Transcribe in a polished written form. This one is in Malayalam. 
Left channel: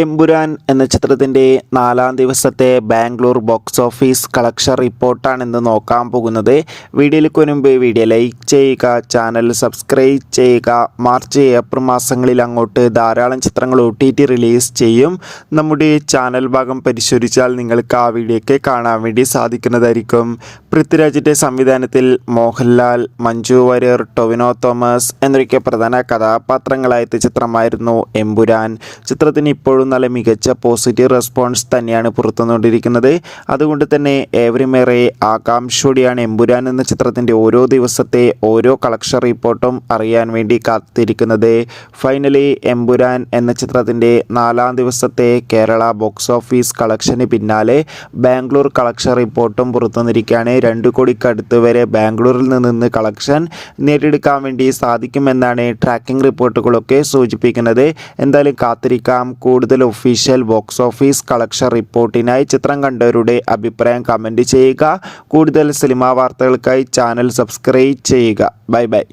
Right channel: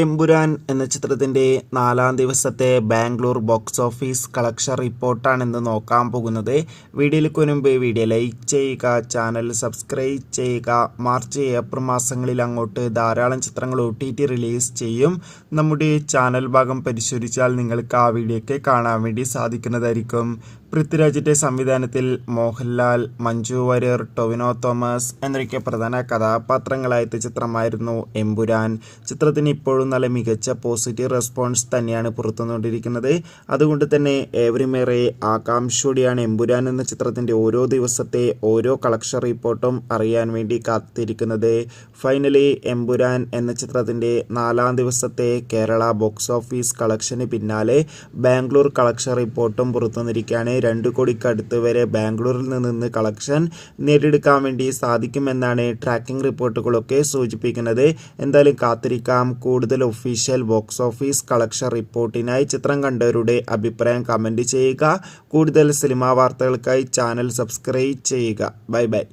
എമ്പുരാൻ എന്ന ചിത്രത്തിൻ്റെ 4-ാം ദിവസത്തെ ബാംഗ്ലൂർ ബോക്സ് ഓഫീസ് കളക്ഷൻ റിപ്പോർട്ടാണ് ഇന്ന് നോക്കാൻ പോകുന്നത്. വീഡിയോയിലേക്ക് മുൻപ് വീഡിയോ ലൈക്ക് ചെയ്യുക, ചാനൽ സബ്സ്ക്രൈബ് ചെയ്യുക. മാർച്ച് ഏപ്രിൽ മാസങ്ങളിൽ അങ്ങോട്ട് ധാരാളം ചിത്രങ്ങൾ OTT റിലീസ് ചെയ്യും. നമ്മുടെ ചാനൽ ഭാഗം പരിശോധിച്ചാൽ നിങ്ങൾക്ക് ആ വീഡിയോയ്ക്ക് കാണാൻ വേണ്ടി സാധിക്കുന്നതായിരിക്കും. പൃഥ്വിരാജിൻ്റെ സംവിധാനത്തിൽ മോഹൻലാൽ, മഞ്ജു വാര്യർ, ടൊവിനോ തോമസ് എന്നൊക്കെ പ്രധാന കഥാപാത്രങ്ങളായ ചിത്രമായിരുന്നു എമ്പുരാൻ. ചിത്രത്തിന് ഇപ്പോഴും നല്ല മികച്ച പോസിറ്റീവ് റെസ്പോൺസ് തന്നെയാണ് പുറത്തുകൊണ്ടിരിക്കുന്നത്. അതുകൊണ്ട് തന്നെ ഏവരുമേറെ ആകാംക്ഷയോടെയാണ് എമ്പുരാൻ എന്ന ചിത്രത്തിൻ്റെ ഓരോ ദിവസത്തെ ഓരോ കളക്ഷൻ റിപ്പോർട്ടും അറിയാൻ വേണ്ടി കാത്തിരിക്കുന്നത്. ഫൈനലി എമ്പുരാൻ എന്ന ചിത്രത്തിൻ്റെ 4-ാം ദിവസത്തെ കേരള ബോക്സ് ഓഫീസ് കളക്ഷന് പിന്നാലെ ബാംഗ്ലൂർ കളക്ഷൻ റിപ്പോർട്ടും പുറത്തുവന്നിരിക്കുകയാണ്. 2 കോടിക്കടുത്ത് വരെ ബാംഗ്ലൂരിൽ നിന്ന് കളക്ഷൻ നേടിയെടുക്കാൻ വേണ്ടി സാധിക്കുമെന്നാണ് ട്രാക്കിംഗ് റിപ്പോർട്ടുകളൊക്കെ സൂചിപ്പിക്കുന്നത്. എന്തായാലും കാത്തിരിക്കാം. കൂടുതൽ ഒഫീഷ്യൽ ബോക്സ് ഓഫീസ് കളക്ഷൻ റിപ്പോർട്ടിനായി ചിത്രം കണ്ടവരുടെ അഭിപ്രായം കമൻറ്റ് ചെയ്യുക. കൂടുതൽ സിനിമാ വാർത്തകൾക്കായി ചാനൽ സബ്സ്ക്രൈബ് ചെയ്യുക. Bye bye.